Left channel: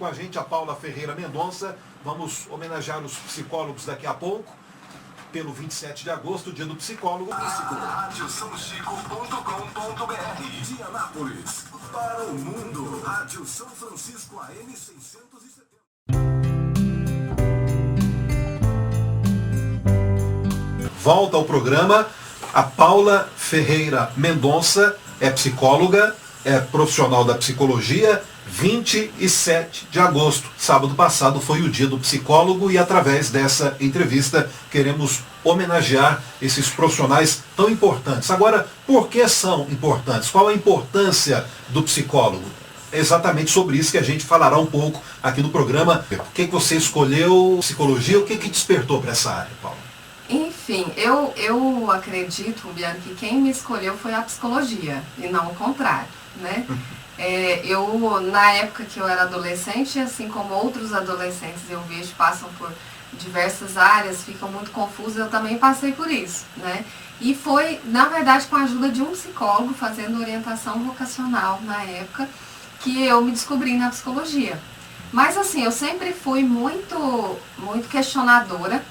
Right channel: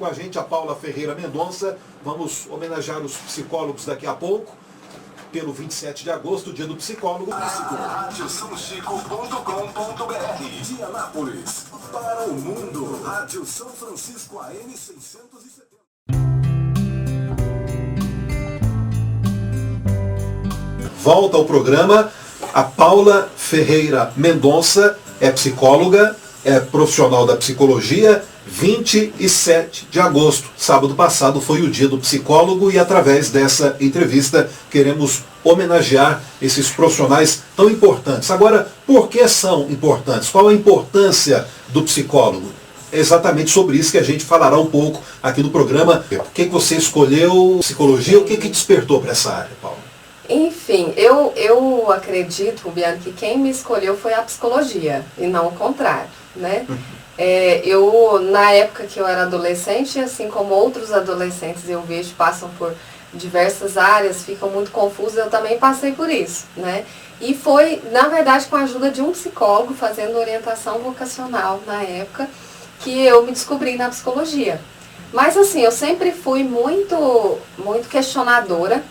com a gente a Paula Ferreira Mendonça. Vamos homenagear os psicólogos daqui a pouco, pelo 27 de agosto, dia do psicólogo. RádioSãoChico.com.br de Anápolis para o mundo. Rádio São Francisco AM 670. Volta ao programa a Paula Ferreira Mendonça, é psicóloga, é profissional da psicologia. 27 de agosto, sábado passado, foi o dia do psicólogo e através dessa entrevista queremos homenagear esses profissionais tão importantes. Agora, por que são importantes? Qual a importância do psicólogo? É exatamente sobre isso que a gente falará um pouco aqui no programa. Por que você escolheu psicologia? O que despertou para essa área, Paula? Enfim, eu acredito, Rubiano, que quem me escolheu foi a psicologia e não o contrário, né? Na época que eu era adolescente, assim como outros adolescentes eu vejo passam por diversas áreas, ficam muito confusos, eu também passei por isso, né? E foi, na verdade, com a ajuda de um psicólogo, fazendo orientação vocacional na época, que eu me descobri na psicologia. Mas assim, eu sempre fui muito questionadora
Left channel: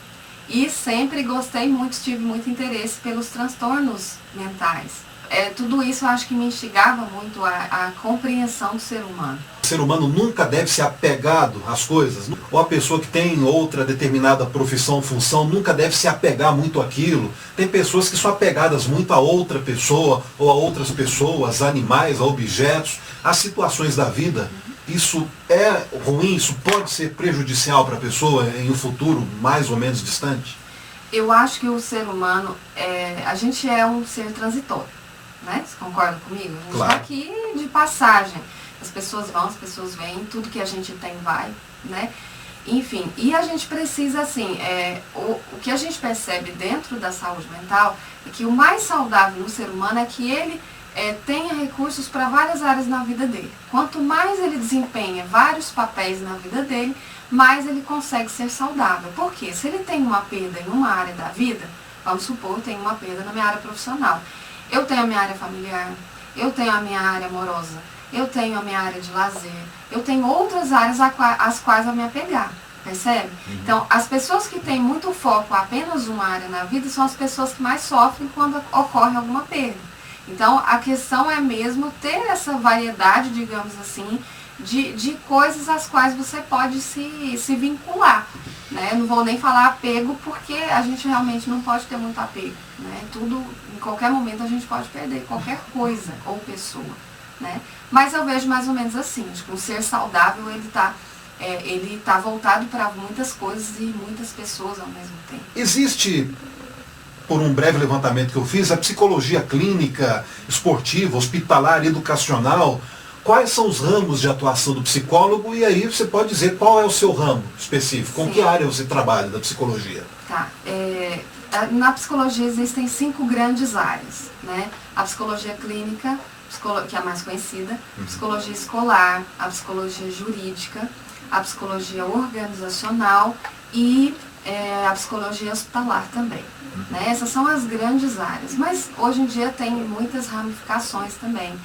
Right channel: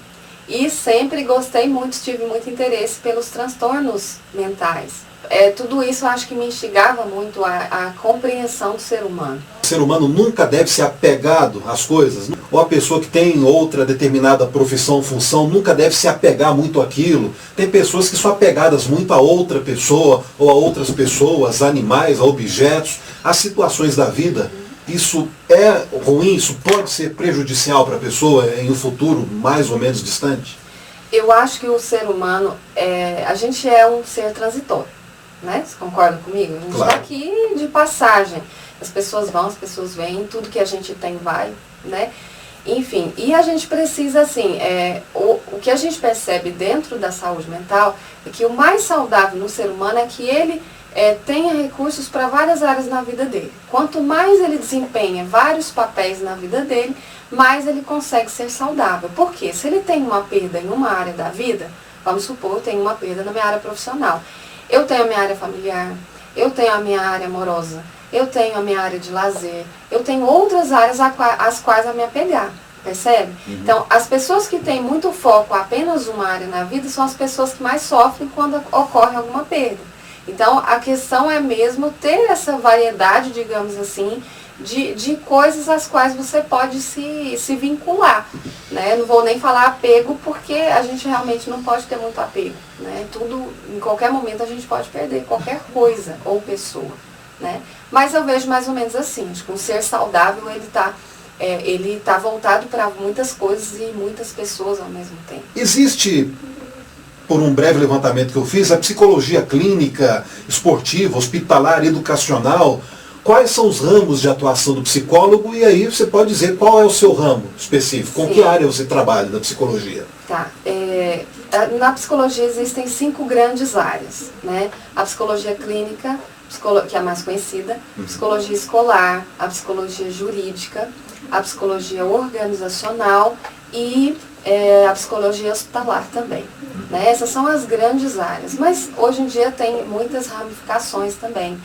e sempre gostei muito, tive muito interesse pelos transtornos mentais. Tudo isso eu acho que me instigava muito a compreensão do ser humano. O ser humano nunca deve ser apegado às coisas, ou a pessoa que tem outra determinada profissão, função, nunca deve se apegar muito àquilo. Tem pessoas que são apegadas muito a outra pessoa, ou a outras pessoas, animais, a objetos, a situações da vida. Isso é ruim, isso pode ser prejudicial para a pessoa em um futuro mais ou menos distante? Eu acho que o ser humano, a gente é um ser transitório. Né? Você concorda comigo? A gente está aqui de passagem. As pessoas vão, as pessoas vêm, tudo que a gente tem vai, né? Enfim, e a gente precisa, assim, o que a gente percebe dentro da saúde mental é que o mais saudável no ser humano é que ele tenha recursos para várias áreas na vida dele. Quanto mais ele desempenha vários papéis na vida dele, mais ele consegue ser saudável. Por quê? Se ele tem uma perda em uma área da vida, vamos supor, eu tenho uma perda na minha área profissional. Eu tenho a minha área familiar, eu tenho a minha área amorosa, eu tenho a minha área de lazer, eu tenho outras áreas às quais a me apegar, percebe? Uhum. Então, as pessoas que têm muito foco apenas uma área na vida são as pessoas que mais sofrem quando ocorre alguma perda. Então, a questão é mesmo ter essa variedade, digamos assim, de coisas às quais você pode se vincular, né? Não vou nem falar apego, porque a gente realmente não pode ter muito apego, né? Tudo, em qualquer momento a gente pode perder qualquer coisa ou pessoa, né? Mas eu vejo mais ou menos assim, acho que um ser saudável, ele tá voltado para muitas coisas e muitas pessoas ao mesmo tempo. Existe, por um breve levantamento que eu fiz, a psicologia clínica, esportiva, hospitalar, educacional. Quais são os ramos de atuação do psicólogo? E aí você pode dizer qual é o seu ramo específico, com que área você trabalha da psicologia? Tá. Na psicologia existem 5 grandes áreas, né? A psicologia clínica, que é a mais conhecida, a psicologia escolar, a psicologia jurídica, a psicologia organizacional e a psicologia hospitalar também. Né? Essas são as grandes áreas, mas hoje em dia tem muitas ramificações também.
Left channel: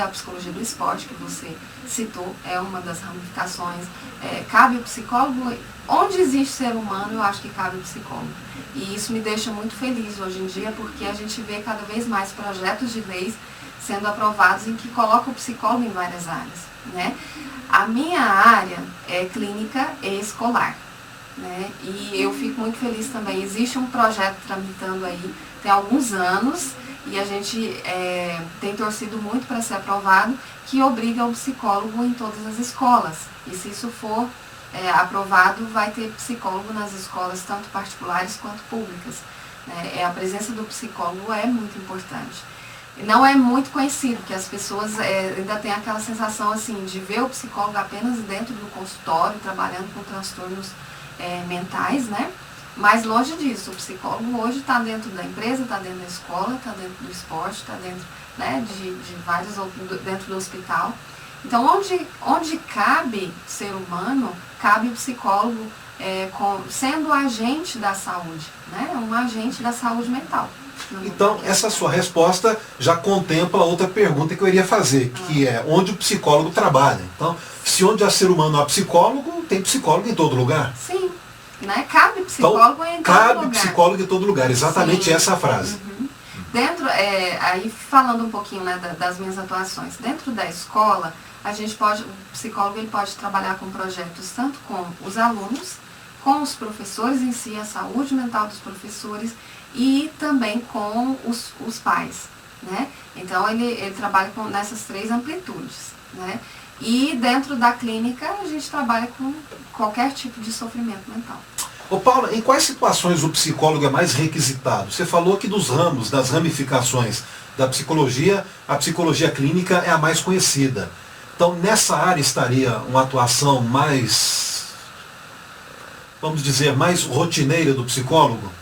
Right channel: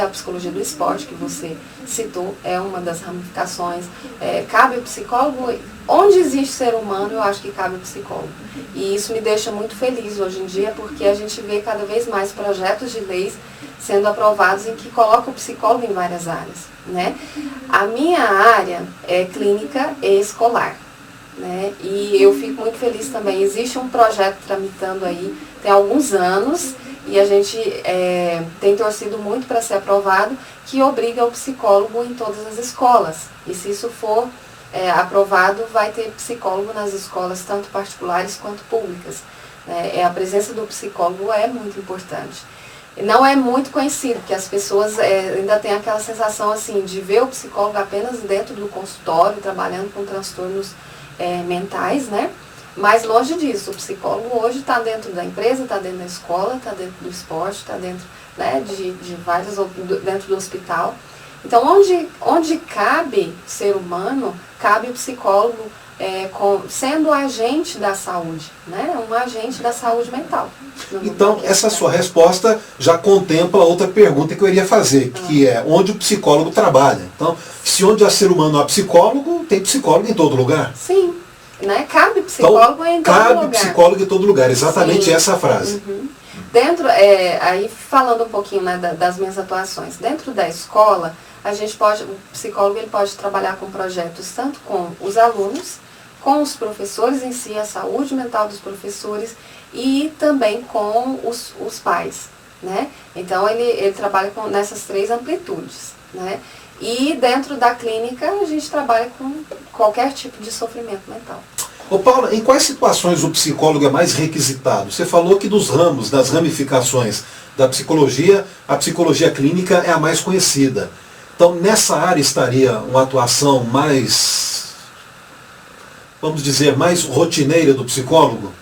A psicologia do esporte, que você citou, é uma das ramificações. Cabe o psicólogo, onde existe ser humano, eu acho que cabe o psicólogo. E isso me deixa muito feliz hoje em dia, porque a gente vê cada vez mais projetos de leis sendo aprovados em que colocam o psicólogo em várias áreas. Né? A minha área é clínica e escolar. Né? E eu fico muito feliz também. Existe um projeto tramitando aí, tem alguns anos, e a gente tem torcido muito para ser aprovado, que obriga o psicólogo em todas as escolas. E se isso for aprovado, vai ter psicólogo nas escolas, tanto particulares quanto públicas. A presença do psicólogo é muito importante. Não é muito conhecido, porque as pessoas ainda têm aquela sensação assim, de ver o psicólogo apenas dentro do consultório, trabalhando com transtornos mentais, né? Mas longe disso, o psicólogo hoje está dentro da empresa, está dentro da escola, está dentro do esporte, está dentro, né, de várias, dentro do hospital. Então, onde cabe ser humano, cabe o psicólogo sendo agente da saúde, né? Um agente da saúde mental. Então, essa sua resposta já contempla outra pergunta que eu iria fazer, que é onde o psicólogo trabalha. Então, se onde há ser humano há psicólogo, tem psicólogo em todo lugar. Sim, né? Cabe psicólogo em todo lugar. Cabe psicólogo em todo lugar, exatamente. Sim. Essa frase. Uhum. Dentro, aí falando um pouquinho, né, das minhas atuações, dentro da escola, o psicólogo ele pode trabalhar com projetos tanto com os alunos, com os professores em si, a saúde mental dos professores e também com os pais, né? Então ele trabalha nessas 3 amplitudes, né? E dentro da clínica a gente trabalha com qualquer tipo de sofrimento mental. Ô Paula, em quais situações o psicólogo é mais requisitado? Você falou que dos ramos, das ramificações da psicologia, a psicologia clínica é a mais conhecida. Então nessa área estaria uma atuação mais, vamos dizer, mais rotineira do psicólogo?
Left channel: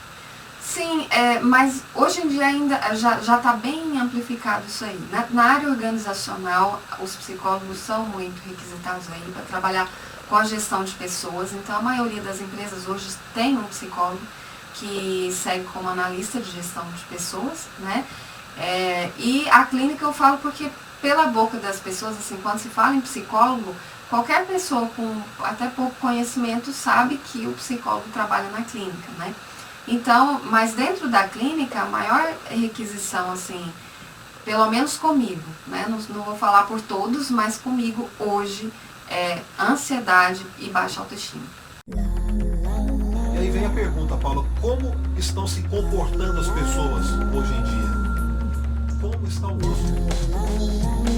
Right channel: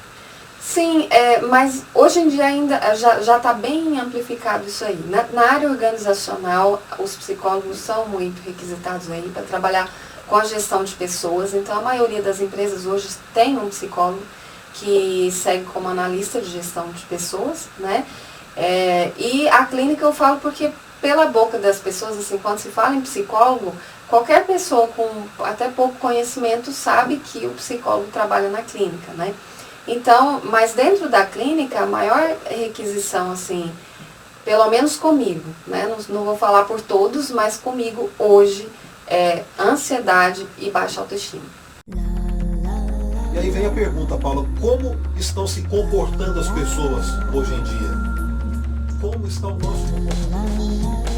Sim, mas hoje em dia ainda já está bem amplificado isso aí. Na área organizacional, os psicólogos são muito requisitados aí para trabalhar com a gestão de pessoas. Então, a maioria das empresas hoje tem um psicólogo que segue como analista de gestão de pessoas, né? E a clínica eu falo porque pela boca das pessoas, assim, quando se fala em psicólogo, qualquer pessoa com até pouco conhecimento sabe que o psicólogo trabalha na clínica, né? Então, mas dentro da clínica, a maior requisição, assim, pelo menos comigo, né? Não vou falar por todos, mas comigo hoje é ansiedade e baixa autoestima. E aí vem a pergunta, Paula, como estão se comportando as pessoas hoje em dia? Como estão nós se comportando?